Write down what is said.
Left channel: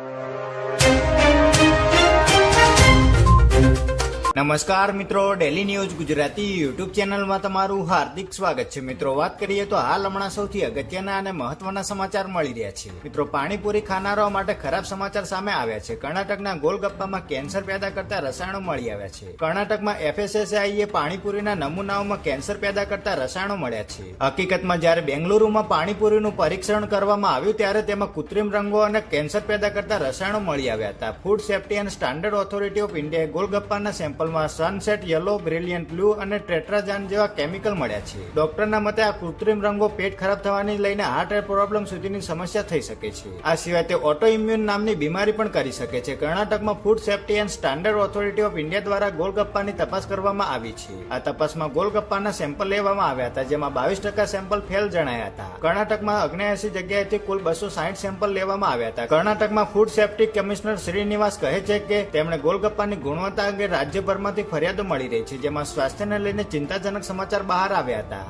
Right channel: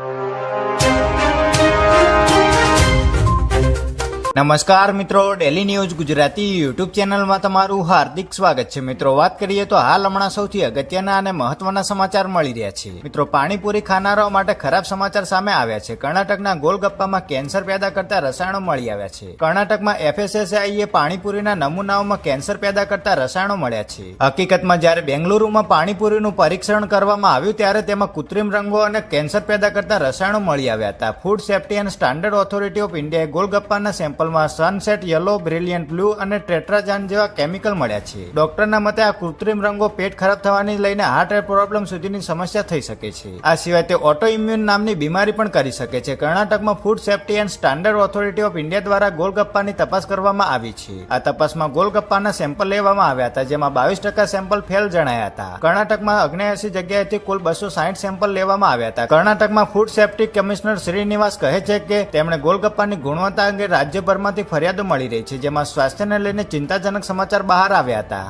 you. નમસ્કાર મિત્રો daily news Gujarati YouTube ચેનલમાં તમારું હાર્દિક સ્વાગત છે. મિત્રો, વાત કરીએ તો હાલ હમણાં સૌથી અગત્યના અને મહત્વના સમાચાર મળી રહ્યા છે. મિત્રો, પાણીપુરી ખાનારાઓ માટે ખરાબ સમાચાર સામે આવ્યા છે. કર્ણાટકના ગોલગપ્પામાં કેન્સર પેદા કરતા રસાયણો મળી આવ્યા છે. કર્ણાટકમાં એફએસએસઆઈએ પાણીપુરીના નમૂનાઓમાં કેન્સર પેદા કરતા રસાયણો મળ્યા છે. હકીકતમાં, જ્યારે બેંગલુરુમાં પાણીપુરીનું પરીક્ષણ કરવામાં આવ્યું, ત્યારે તેમાં કૃત્રિમ રંગો અને કેન્સર પેદા કરતા રસાયણો મળી આવ્યા હતા. Food safety and standard authority of ઇન્ડિયાએ ગોલગપ્પાના સેમ્પલમાં સનસેટ યલો બ્રિલિયન્ટ બ્લુ અને ટ્રેટ્રાજાન જેવા કેમિકલ મળ્યા છે. ડોક્ટરના મતે આ કૃત્રિમ રંગો પેટ ખરાબ થવાની લઈને હાર્ટ પ્રોબ્લેમ સુધીની સમસ્યા થઈ શકે છે. આ સિવાય તે ઓટો ઇમ્યુન નામની બીમારી પણ કરી શકે છે. કર્ણાટકમાં food safety and standard authority of India દ્વારા ગોલગપ્પાની તપાસ કરવામાં આવી છે. આ તપાસમાં ગોલગપ્પાના સેમ્પલ લેવામાં આવ્યા હતા, જેમાં બાવીસ ટકા સેમ્પલ ફેલ જણાયા હતા. કર્ણાટકમાં અગ્નેયાસી જગ્યાએથી કુલ બસો સાઠ સેમ્પલ લેવામાં આવ્યા હતા. કર્ણાટકમાં ફૂડ સેફ્ટી કમિશનર શ્રીનિવાસ કહે છે કે તેમણે ગોલગપ્પાની ગુણવત્તા અંગે રાજ્યભરમાંથી ફરિયાદો મળી રહી છે જેમાં સ્વાસ્થ્યને લઈને ચિંતાજનક સમાચાર બહાર આવ્યા હતા.